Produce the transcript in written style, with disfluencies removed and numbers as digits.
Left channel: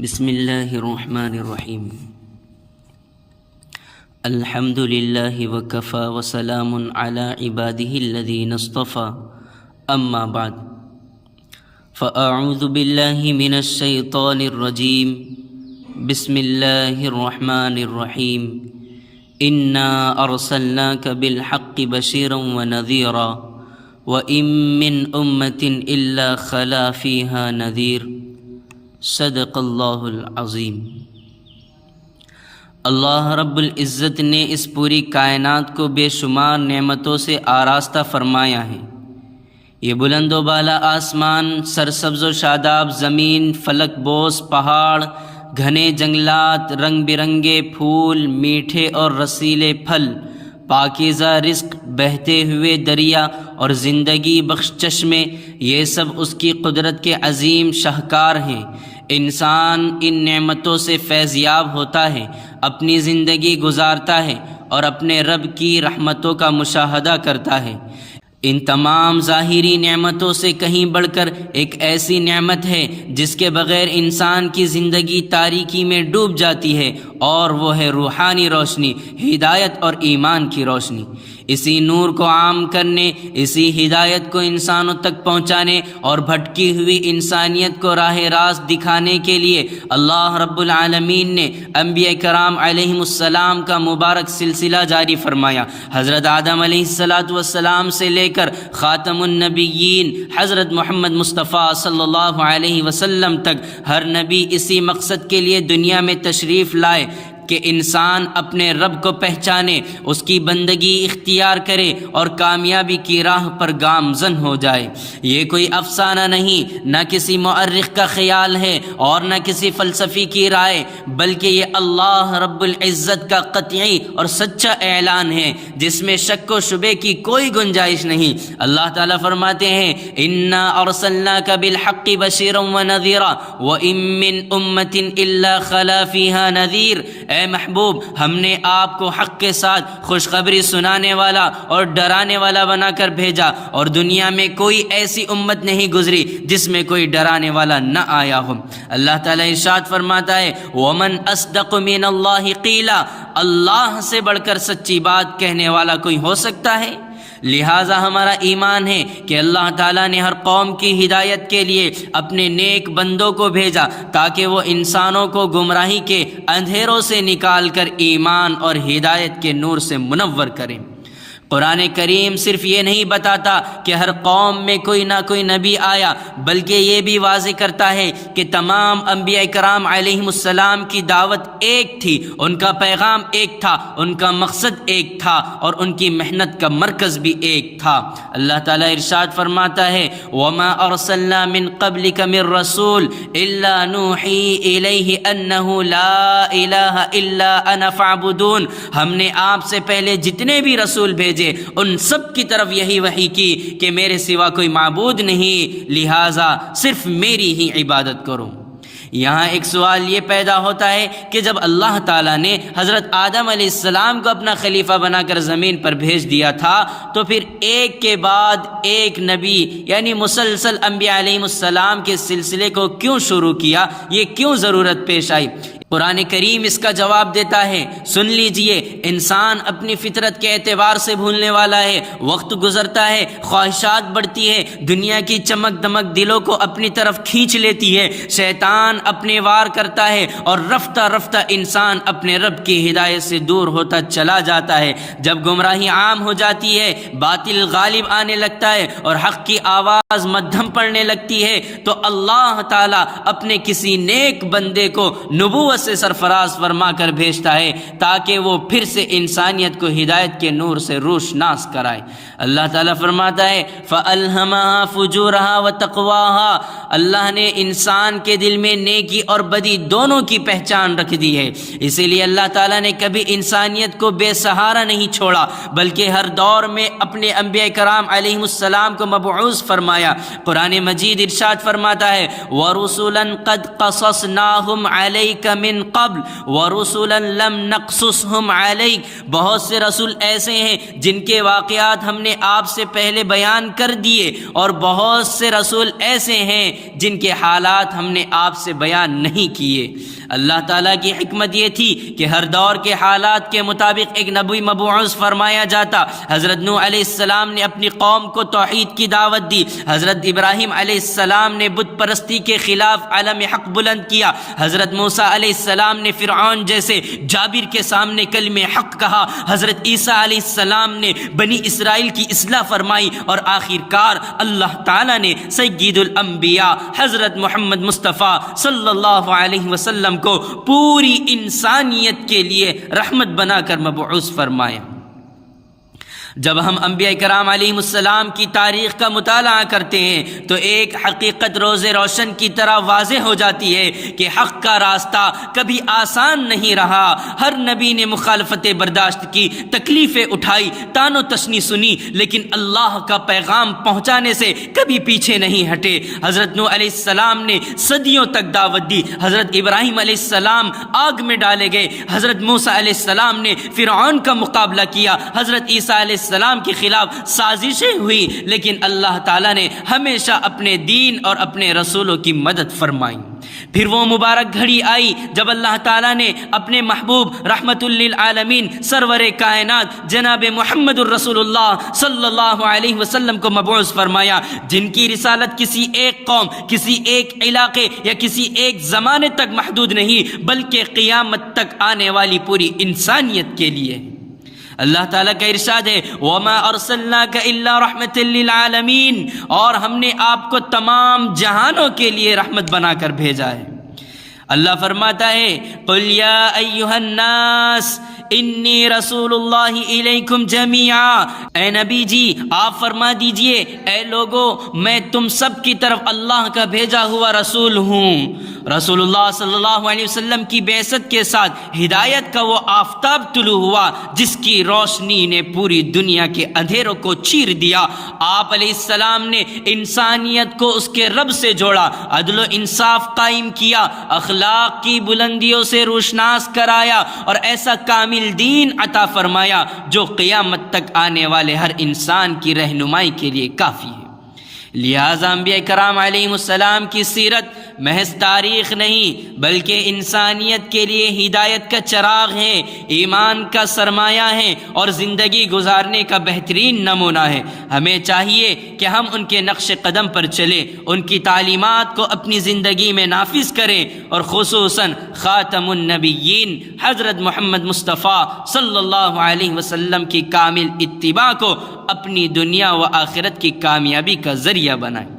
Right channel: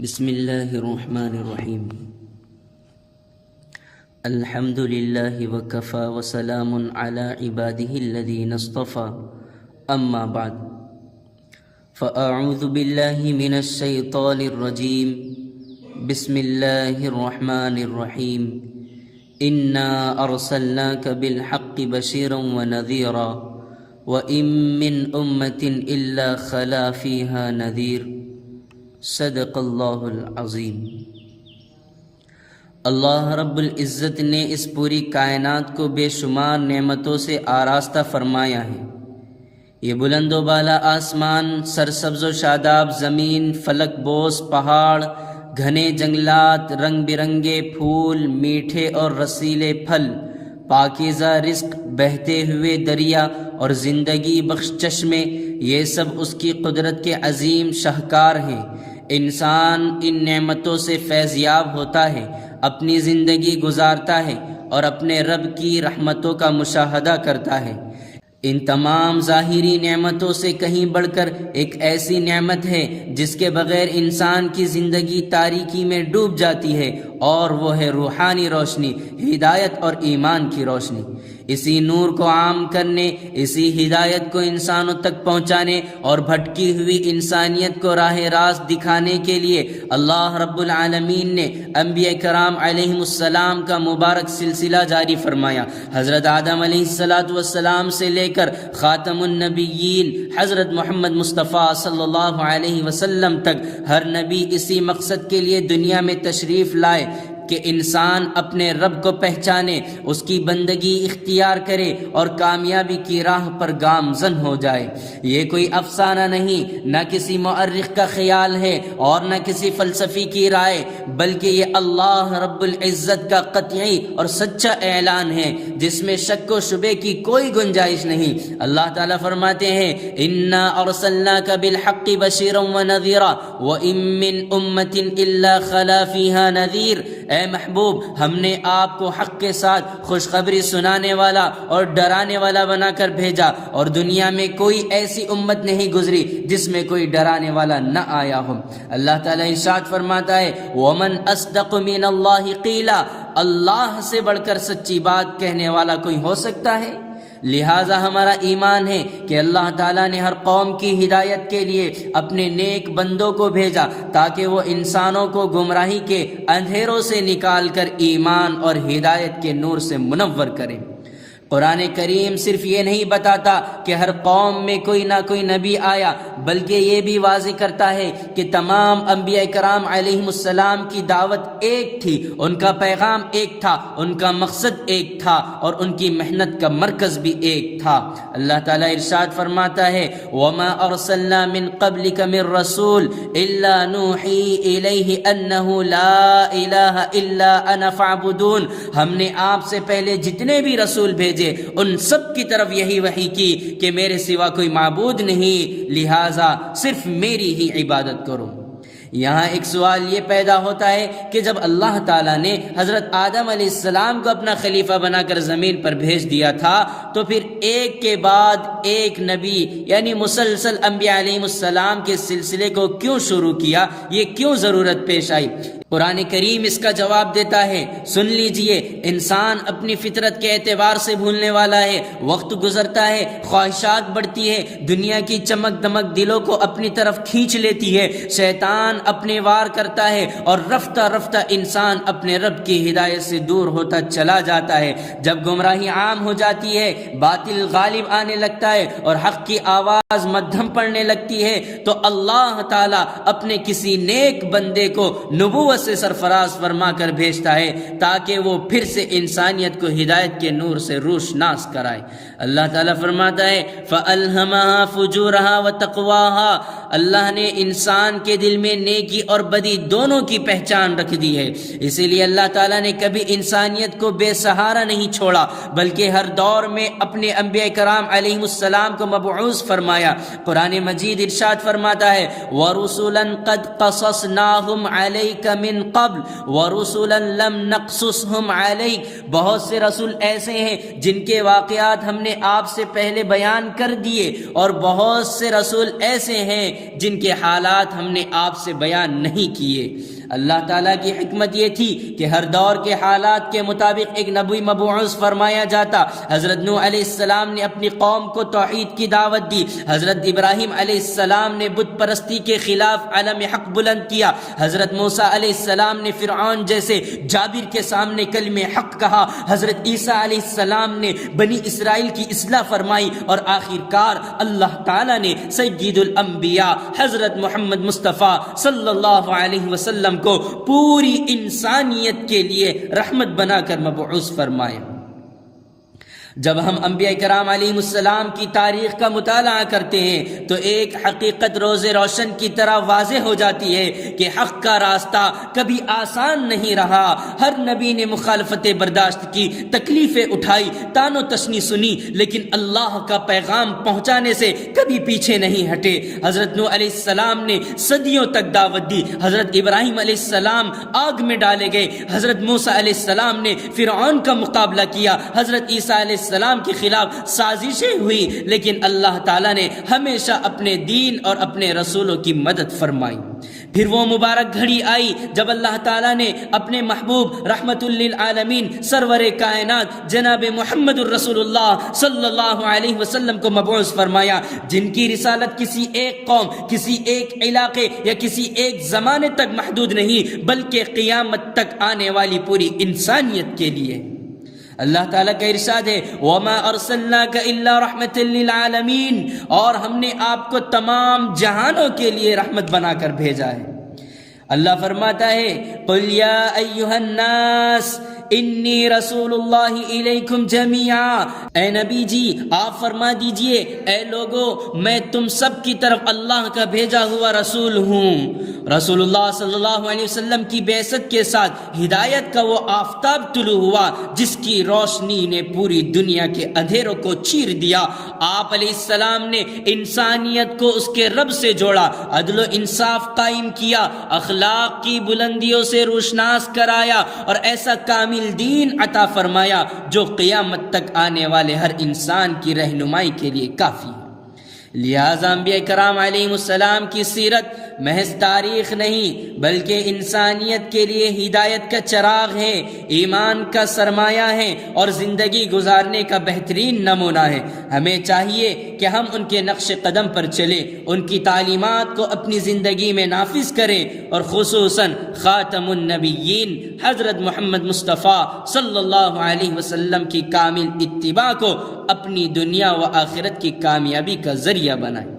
بسم اللہ الرحمن الرحیم الحمد للہ وکفی وسلام علی عبادہ الذین اصطفی اما بعد فاعوذ باللہ من الشیطان الرجیم بسم اللہ الرحمن الرحیم انا ارسلناک بالحق بشیرا ونذیرا وإن من امة الا خلا فیہا نذیر صدق اللہ العظیم۔ اللہ رب العزت نے اس پوری کائنات کو بے شمار نعمتوں سے آراستہ فرمایا ہے۔ یہ بلند و بالا آسمان، سرسبز و شاداب زمین، فلک بوس پہاڑ، گھنے جنگلات، رنگ برنگے پھول، میٹھے اور رسیلے پھل، پاکیزہ رزق، بہتے ہوئے دریا اور زندگی بخش چشمے، یہ سب اس کی قدرت کے عظیم شاہکار ہیں۔ انسان ان نعمتوں سے فیض یاب ہوتا ہے، اپنی زندگی گزارتا ہے اور اپنے رب کی رحمتوں کا مشاہدہ کرتا ہے۔ ان تمام ظاہری نعمتوں سے کہیں بڑھ کر ایک ایسی نعمت ہے جس کے بغیر انسان کی زندگی تاریکی میں ڈوب جاتی ہے، اور وہ ہے روحانی روشنی، ہدایت اور ایمان کی روشنی۔ اسی نور کو عام کرنے، اسی ہدایت کو انسانوں تک پہنچانے اور بھٹکی ہوئی انسانیت کو راہ راست دکھانے کے لیے اللہ رب العالمین نے انبیاء کرام علیہم السلام کا مبارک سلسلہ جاری فرمایا۔ حضرت آدم علیہ السلام سے لے کر خاتم النبیین حضرت محمد مصطفیٰ صلی اللہ علیہ وسلم تک ہر نبی اسی مقصد کے لیے دنیا میں تشریف لائے کہ انسان اپنے رب کو پہچانے، اس کی بندگی اختیار کرے اور کامیابی کی راہ پر گامزن ہو جائے۔ یہ کوئی افسانہ نہیں، نہ کسی مؤرخ کا خیال ہے اور نہ کسی فلسفی کی رائے، بلکہ یہ اللہ رب العزت کا قطعی اور سچا اعلان ہے جس میں شک و شبے کی کوئی گنجائش نہیں۔ اللہ تعالیٰ فرماتے ہیں انا ارسلناک بالحق بشیرا ونذیرا وان من امۃ الا خلا فیہا نذیر۔ اے محبوب، ہم نے آپ کو حق کے ساتھ خوشخبری سنانے والا اور ڈرانے والا بنا کر بھیجا، اور دنیا میں کوئی ایسی امت نہیں گزری جس میں کوئی ڈرانے والا نہ آیا ہو۔ اللہ تعالیٰ ارشاد فرماتا ہے وَمَنْ أَصْدَقُ مِنَ اللَّهِ قِيلًا، اللہ سے بڑھ کر سچی بات کہنے والا کوئی ہو سکتا ہے؟ لہٰذا ہمارا ایمان ہے کہ اللہ تعالیٰ نے ہر قوم کی ہدایت کے لیے اپنے نیک بندوں کو بھیجا تاکہ وہ انسانوں کو گمراہی کے اندھیروں سے نکال کر ایمان اور ہدایت کے نور سے منور کریں۔ قرآن کریم صرف یہ نہیں بتاتا کہ ہر قوم میں کوئی نہ کوئی نبی آیا، بلکہ یہ بھی واضح کرتا ہے کہ تمام انبیاء کرام علیہم السلام کی دعوت ایک تھی، ان کا پیغام ایک تھا، ان کا مقصد ایک تھا، اور ان کی محنت کا مرکز بھی ایک تھا۔ اللہ تعالیٰ ارشاد فرماتا ہے وَمَا أَرْسَلْنَا مِن قَبْلِكَ مِن رَّسُولٍ إِلَّا نُوحِي إِلَيْهِ أَنَّهُ لَا إِلَٰهَ إِلَّا أَنَا فَاعْبُدُونِ۔ ہم نے آپ سے پہلے جتنے بھی رسول بھیجے ان سب کی طرف یہی وحی کی کہ میرے سوا کوئی معبود نہیں، لہٰذا صرف میری ہی عبادت کرو۔ یہاں ایک سوال یہ پیدا ہوتا ہے کہ جب اللہ تعالیٰ نے حضرت آدم علیہ السلام کو اپنا خلیفہ بنا کر زمین پر بھیج دیا تھا تو پھر ایک کے بعد ایک نبی یعنی مسلسل انبیاء علیہ السلام کے سلسلے کو کیوں شروع کیا؟ یہ کیوں ضرورت پیش آئی؟ قرآن کریم اس کا جواب دیتا ہے، سن لیجئے۔ انسان اپنی فطرت کے اعتبار سے بھولنے والا ہے، وقت گزرتا ہے، خواہشات بڑھتی ہے، دنیا کی چمک دمک دلوں کو اپنی طرف کھینچ لیتی ہے، شیطان اپنے وار کرتا ہے اور رفتہ رفتہ انسان اپنے رب کی ہدایت سے دور ہوتا چلا جاتا ہے۔ جب گمراہی عام ہو جاتی ہے، باطل غالب آنے لگتا ہے اور حق کی آواز مدھم پڑنے لگتی ہے تو اللہ تعالیٰ اپنے کسی نیک بندے کو نبوت سے سرفراز فرما کر بھیجتا ہے تاکہ وہ پھر سے انسانیت کو ہدایت کے نور سے روشناس کرائے۔ اللہ تعالیٰ فرماتا ہے فَأَلْهَمَهَا فُجُورَهَا وَتَقْوَاهَا، اللہ نے انسان کے دل میں نیکی اور بدی دونوں کی پہچان رکھ دی ہے۔ اسی لیے اللہ تعالیٰ نے کبھی انسانیت کو بے سہارا نہیں چھوڑا، بلکہ ہر دور میں اپنے انبیاء کرام علیہم السلام کو مبعوث فرمایا۔ قرآن مجید ارشاد فرماتا ہے وَرُسُلًا قَدْ قَصَصْنَاهُمْ عَلَيْكَ من قبل ورسلا لم نقصصهم عليك، بہت سے رسول ایسے ہیں جن کے واقعات ہم نے آپ سے پہلے بیان کر دیے، اور بہت سے رسول ایسے ہیں جن کے حالات ہم نے آپ سے بیان نہیں کیے۔ اللہ تعالیٰ کی حکمت یہ تھی کہ ہر دور کے حالات کے مطابق ایک نبی مبعوث فرمایا جاتا۔ حضرت نوح علیہ السلام نے اپنی قوم کو توحید کی دعوت دی، حضرت ابراہیم علیہ السلام نے بت پرستی کے خلاف علم حق بلند کیا، حضرت موسیٰ علیہ السلام نے فرعون جیسے جابر کے سامنے کلمہ حق کہا، حضرت عیسیٰ علیہ السلام نے بنی اسرائیل کی اصلاح فرمائی، اور آخر کار اللہ تعالیٰ نے سید الانبیاء حضرت محمد مصطفیٰ صلی اللہ علیہ وسلم کو پوری انسانیت کے لیے رحمت بنا کر مبعوث فرمایا۔ جب ہم انبیاء کرام علیہ السلام کی تاریخ کا مطالعہ کرتے ہیں تو ایک حقیقت روز روشن کی طرح واضح ہو جاتی ہے کہ حق کا راستہ کبھی آسان نہیں رہا۔ ہر نبی نے مخالفتیں برداشت کی، تکلیفیں اٹھائی، تان و تشنی سنی، لیکن اللہ کا پیغام پہنچانے سے کبھی پیچھے نہیں ہٹے۔ حضرت نوح علیہ السلام نے صدیوں تک دعوت دی، حضرت ابراہیم علیہ السلام آگ میں ڈالے گئے، حضرت موسیٰ علیہ السلام نے فرعون کا مقابلہ کیا، حضرت عیسیٰ علیہ السلام کے خلاف سازشیں ہوئی، لیکن اللہ تعالیٰ نے ہمیشہ اپنے دین اور اپنے رسولوں کی مدد فرمائی۔ پھر وہ مبارک گھڑی آئی جب اللہ تعالیٰ نے اپنے محبوب رحمت للعالمین سرور کائنات جناب محمد الرسول اللہ صلی اللہ علیہ وسلم کو مبعوث فرمایا، جن کی رسالت کسی ایک قوم، کسی ایک علاقے یا کسی ایک زمانے تک محدود نہیں، بلکہ قیامت تک آنے والی پوری انسانیت کے لیے۔ اللہ تعالیٰ کا ارشاد ہے وَمَا أَرْسَلْنَاكَ إِلَّا رَحْمَةً لِّلْعَالَمِينَ، اور ہم نے آپ کو تمام جہانوں کے لیے رحمت بنا کر بھیجا ہے۔ اللہ فرماتا ہے قُلْ يَا أَيُّهَا النَّاسِ انی رسول اللہ الیکم جمیعا، اے نبی جی آپ فرما دیجئے اے لوگو میں تم سب کی طرف اللہ کا بھیجا ہوا رسول ہوں۔ رسول اللہ صلی اللہ علیہ وسلم کی بعثت کے ساتھ ہدایت کا وہ آفتاب طلوع ہوا جس کی روشنی نے پوری دنیا کے اندھیروں کو چیر دیا۔ آپ علیہ السلام نے انسانیت کو اس کے رب سے جوڑا، عدل و انصاف قائم کیا، اخلاق کی بلندیوں سے روشناس کرایا، اور ایسا کامل دین عطا فرمایا جو قیامت تک آنے والے ہر انسان کی رہنمائی کے لیے کافی ہے۔ لہذا انبیاء کرام علیہ السلام کی سیرت محض تاریخ نہیں بلکہ انسانیت کے لیے ہدایت کا چراغ ہے، ایمان کا سرمایہ ہے اور زندگی گزارنے کا بہترین نمونہ ہے۔ ہمیں چاہیے کہ ہم ان کے نقش قدم پر چلیں، ان کی تعلیمات کو اپنی زندگی میں نافذ کریں، اور خصوصاً خاتم النبیین حضرت محمد مصطفیٰ صلی اللہ علیہ وسلم کی کامل اتباع کو اپنی دنیا و آخرت کی کامیابی کا ذریعہ بنائیں۔